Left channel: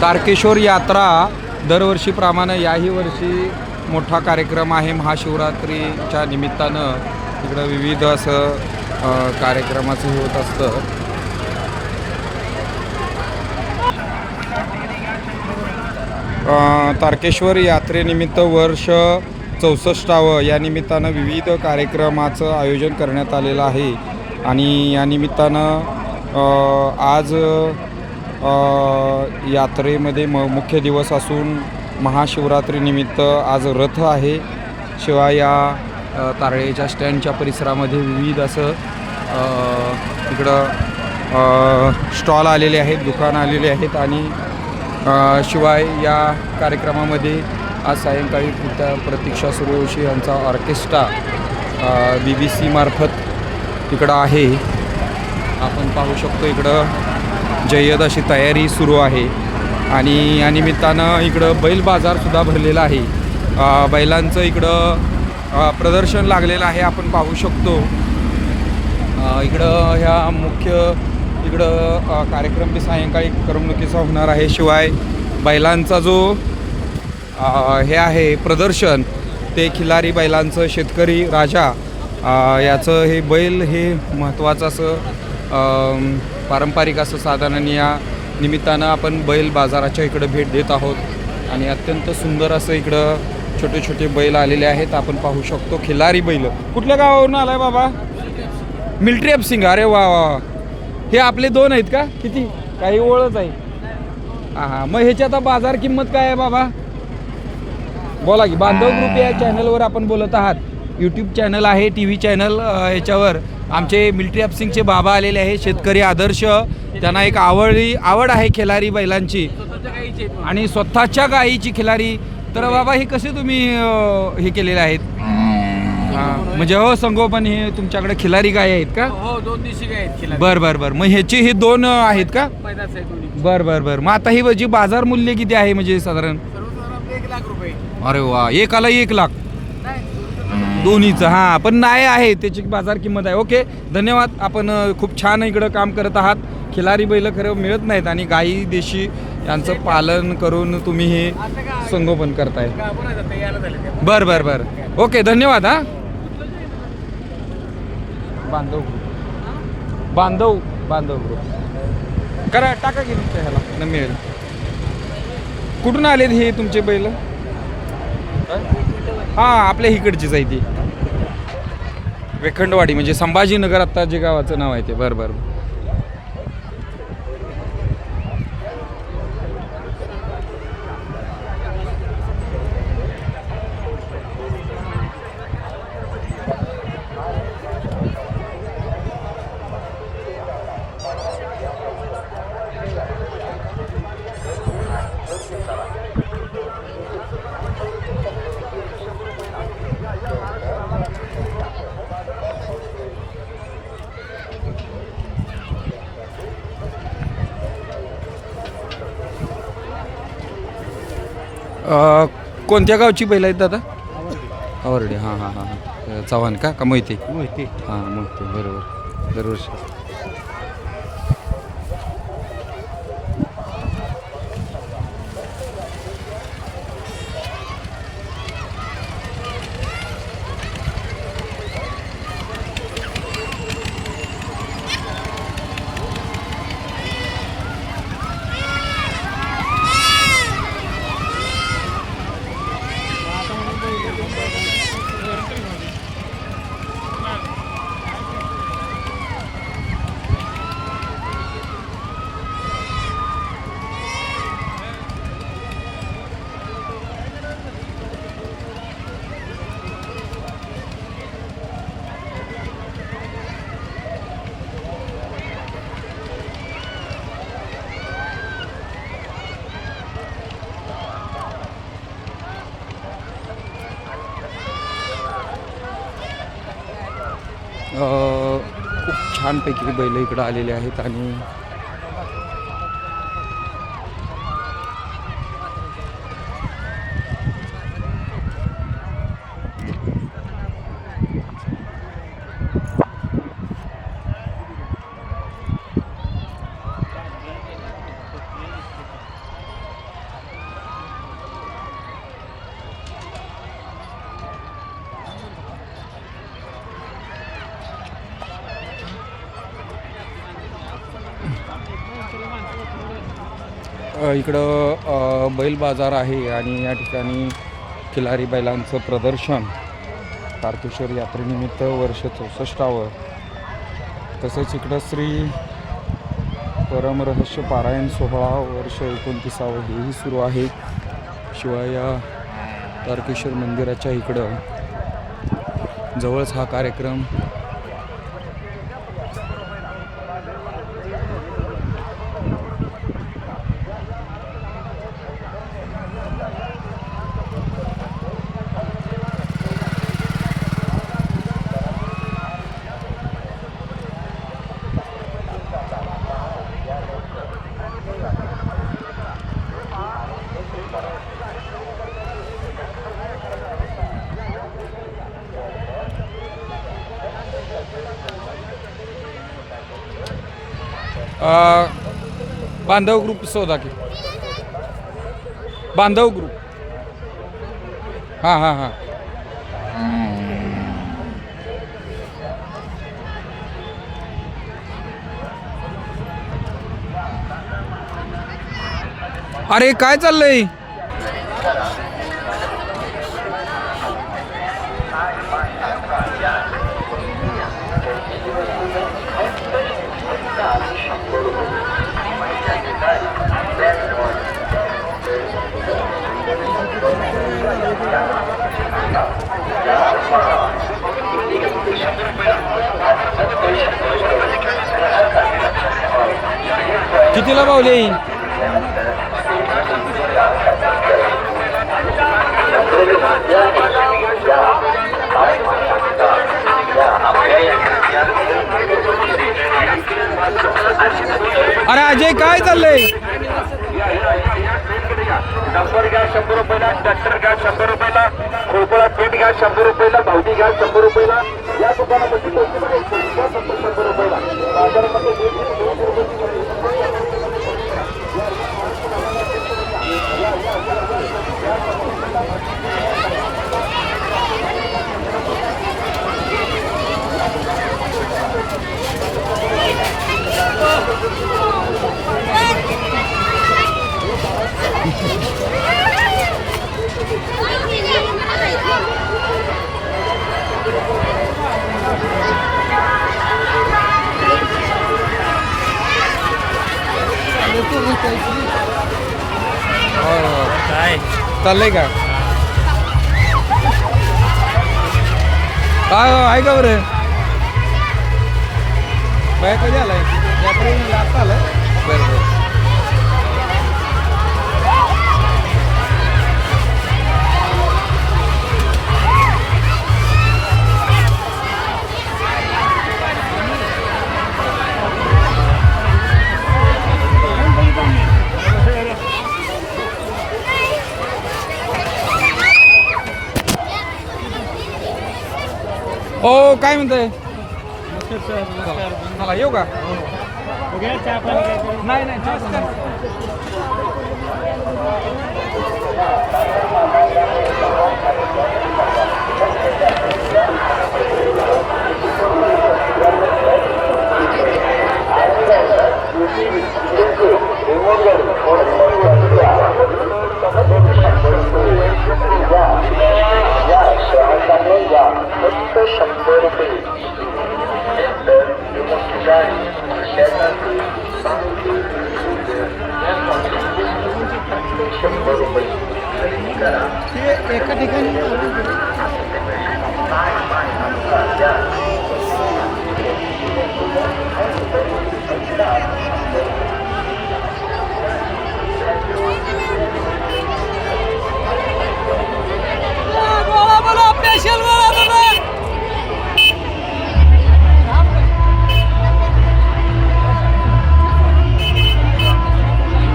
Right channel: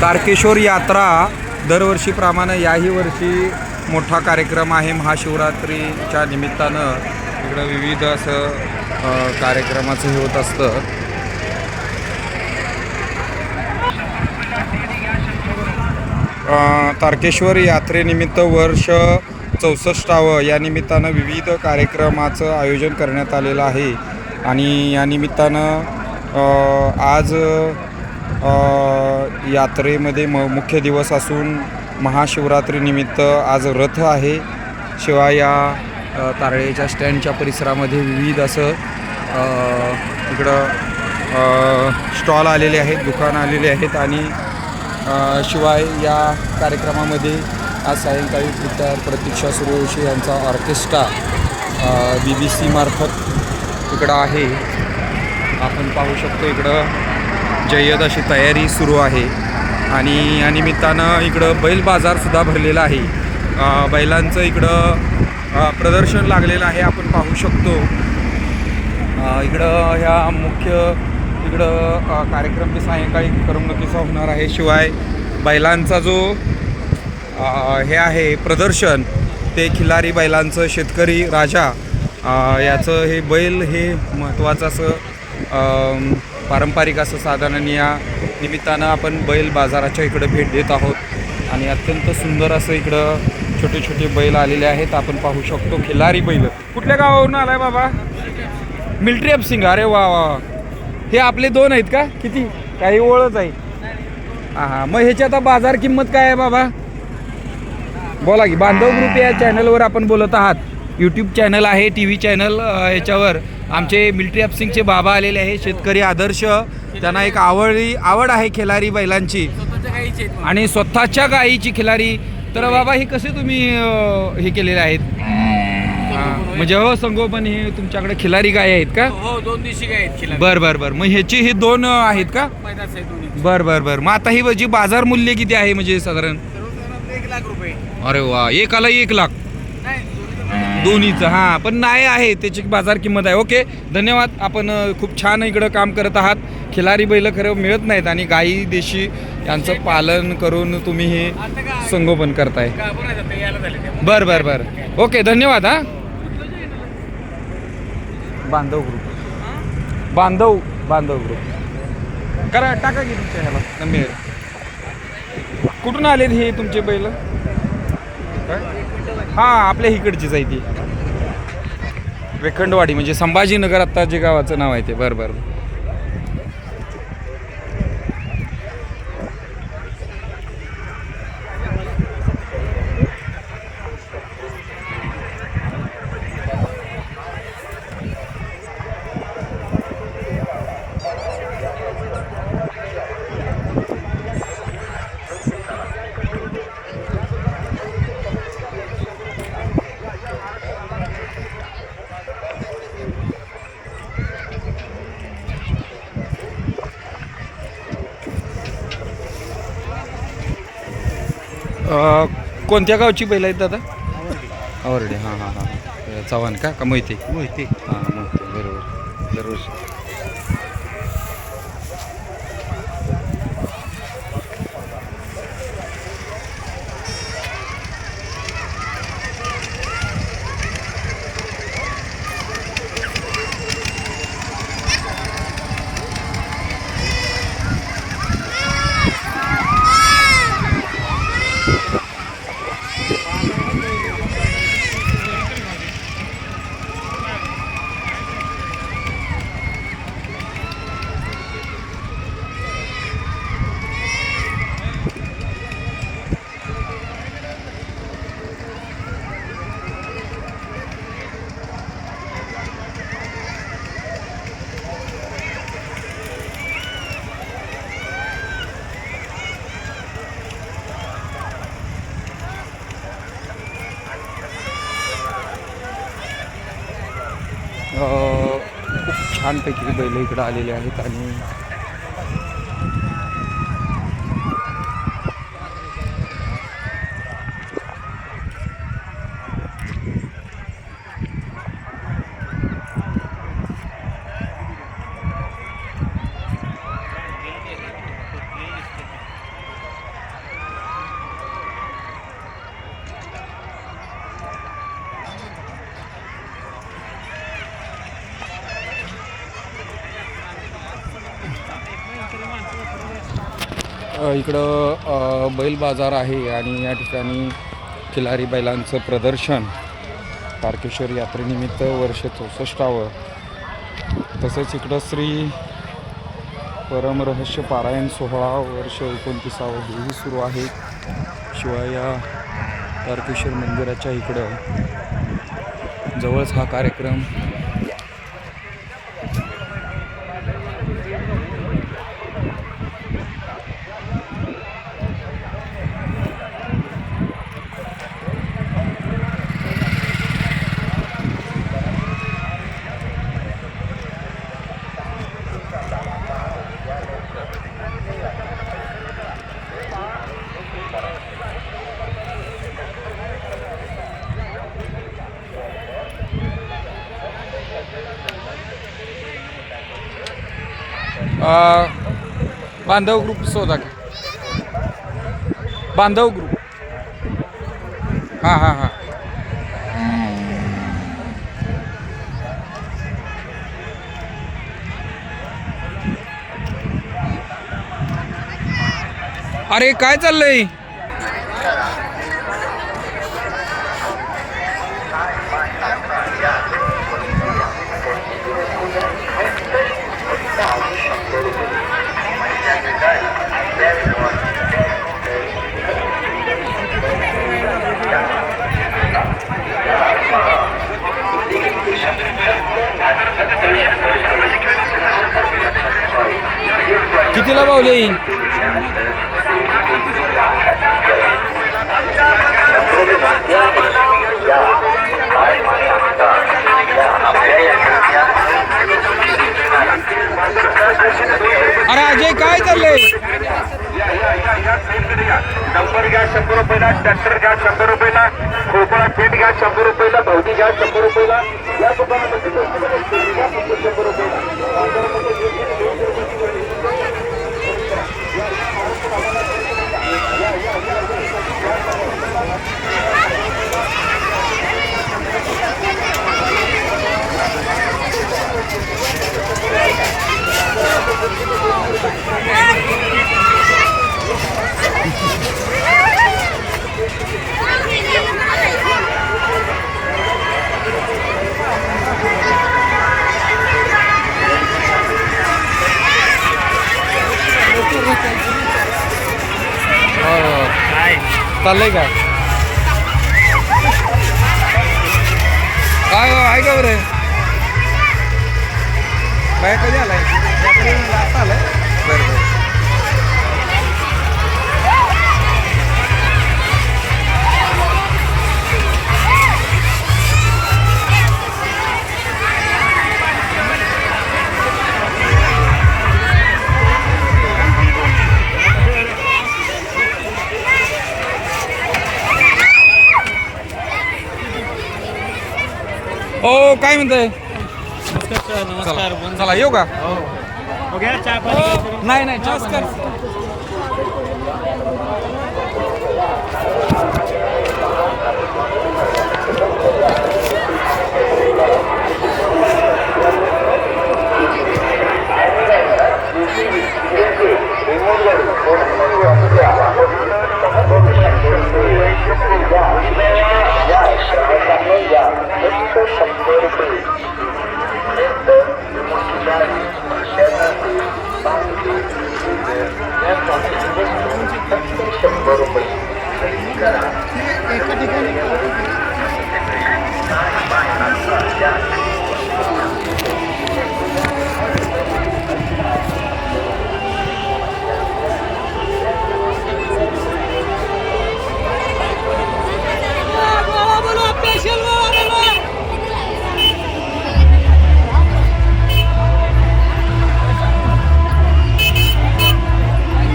तारकेश्वर यात्रा दरवर्षीप्रमाणे याही वर्षी मोठा कार्यक्रम आहे. महाशिवरात्रीच्या निमित्तानं इकडं विविध असं कार्यक्रमाचं हे होत असतं. तारकेश्वर यात्रेनिमित्त वर्ष 64वे या निमित्तानं विविध कार्यक्रमाचं आयोजन करण्यात आलेलं आहे. आणि या निमित्तानं आज यात्रेमध्ये मुख्य दिवस असून महाशिवरात्रीनिमित्त आज रथ आहे. शिवाय या तारळेच्या स्टँडच्या परिसरामध्ये विविध असं इकडं स्टॉल आलेले आहेत, दुकानं आलेले आहेत. आणि शिवाय या कार्यक्रमामध्ये आज सायंकाळी प्रतीक्षा सूर्यवंशी यांचा ऑर्केस्ट्रा BBC मार्फत इकडं आहे. आपण पाहू शकतो इकडं जय्यत अशी तयारी सुरू आहे. आणि या निमित्तानं इकडं बैल बाजारसुद्धा भरलेला आहे. बैलांचं इकडं प्रदर्शन लागलेलं आहे, आपण पाहू शकतो. इकडं ह्या मुख्य इकडं कार्यक्रम ते सायंकाळी करमणुकीचा होणार आहे. शिवाय बैलांचा जो हे आहे प्रदर्शन ते खिलारी बैलांचं शेतकरी राजा याचं हे बैल हे महत्त्वाचं असं पारंपरिक असं साधन. या निमित्तानं आपण बैल बाजाराच्या इकडं भेट देत आहोत. आणि अत्यंत सुंदर असं इकडं छोटे छोटे बैल आलेले आहेत, आपण पाहू शकतो. खिलारी बैल कुठल्या गावावरून आलाय बाबा? मिलिटरी अपसिंग. अरे वा वा, हे आपले दोन आहेत का? किती काही ओळख आहे? हां, मग ह्याची आता बाजार किंमत काय आहे बाबा? बोला की. बांधव ग्रुप या चॅनलवर आपण बोलत आहात. यूट्यूब चॅनल आहे, TV चॅनल. याच्यावर आमचे मिलिटरी अपसिंगचे बाबा आलेले आहे, शेतकरी आदर्श. त्यांना एक आवड आहे खिलारी बैलांची आणि स्वतःच्या गायीची खिलारी. तर बाबा हे कसे तुम्ही हे केलेले आहेत? म्हणजे हो संगोपन हे तुमच्याकडे खिलारी गाय आहेत का? हो, 2 दिवशी गाय आहेत. बर. मग ह्याचे हे 2 आहेत का? बर. मग आता ही जी बाजार मूल्य किती आहे म्हणजे साधारण? 1 लाख रुपये. अरे वा, एकाला 1 लाख दोन्हीचं. हां, पण नाही आहे त्याची बाजार किंमत आहे. ओके, धन्यवाद. आपण खूप छान इकडं काम करत आहात. खिलारी बैल खरं मिळत नाहीत आणि गाई देशी यांचं पालन करून तुम्ही हे संगोपन करताय. बर. ओके, धन्यवाद. हां, बांधव ग्रुप करा, टाका की तुमच्या ह्याला न मिळेल. कुठून आलेत हे तुमचे बैल? हां, आपल्या इकडचीच आहे ती वेखंडवाडी, म्हणजे संभाजीनगर आत्ता जे गावाचं नाव आहे ते. बरं. कोणत्या गावची बैल आहेत दादा? आवरडे. हां. चव्हाण का मोहिते? हां, मोहिते. बरोबर. दरवर्षी खूप छानपैकी बैल इकडं आलेले आहेत. आणि इकडं बैल बाजार आहे आणि या ठिकाणी खिलारी बैलांचं प्रदर्शन तारकेश्वर यात्रेनिमित्त वर्ष 64. तसेच इकडं श्री परमरहस्य पारायण सोहळा वर्ष 29 हेही सुरू आहे. शिवाय या तारकेश्वर मंदिराच्या इकडं जवळच हा कार्यक्रम बांधव ग्रुप शोधा की बांधव ग्रुप. हां हां हां. अरे काय चाललंय? कितीला पावले? अरे अजय काय चाललंय? नंबर घ्या 100 रुपयाला, ट्रॅक्टर घ्या 100 रुपयाला, खोपळा फीट घ्या 100 रुपयाला, धावती घ्या 100 रुपयाला. या दुकानामध्ये 100 रुपयाला. चाललंय का? काय आहे का बरं? बाय कधी आलाय? यात्रेला आता आलाय? बरं बरं. हो काय म्हणताय? चला येऊ का? नाही नाही चहा पाणी. एका ठिकाणी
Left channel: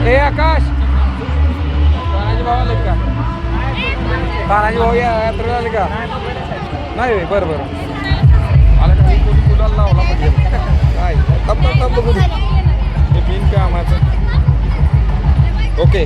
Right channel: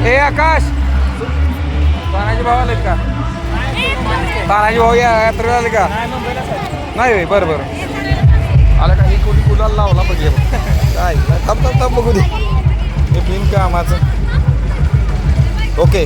ए आकाश तानाजी भाऊ आलेत का? तानाजी भाऊ यात्रेला आले का? नाही होय. बरं बरं आलं का? हे कोणी कुलाला लावला पाहिजे काय? थांब थांब थांब बघू दे. हे बिन कामाचं. ओके.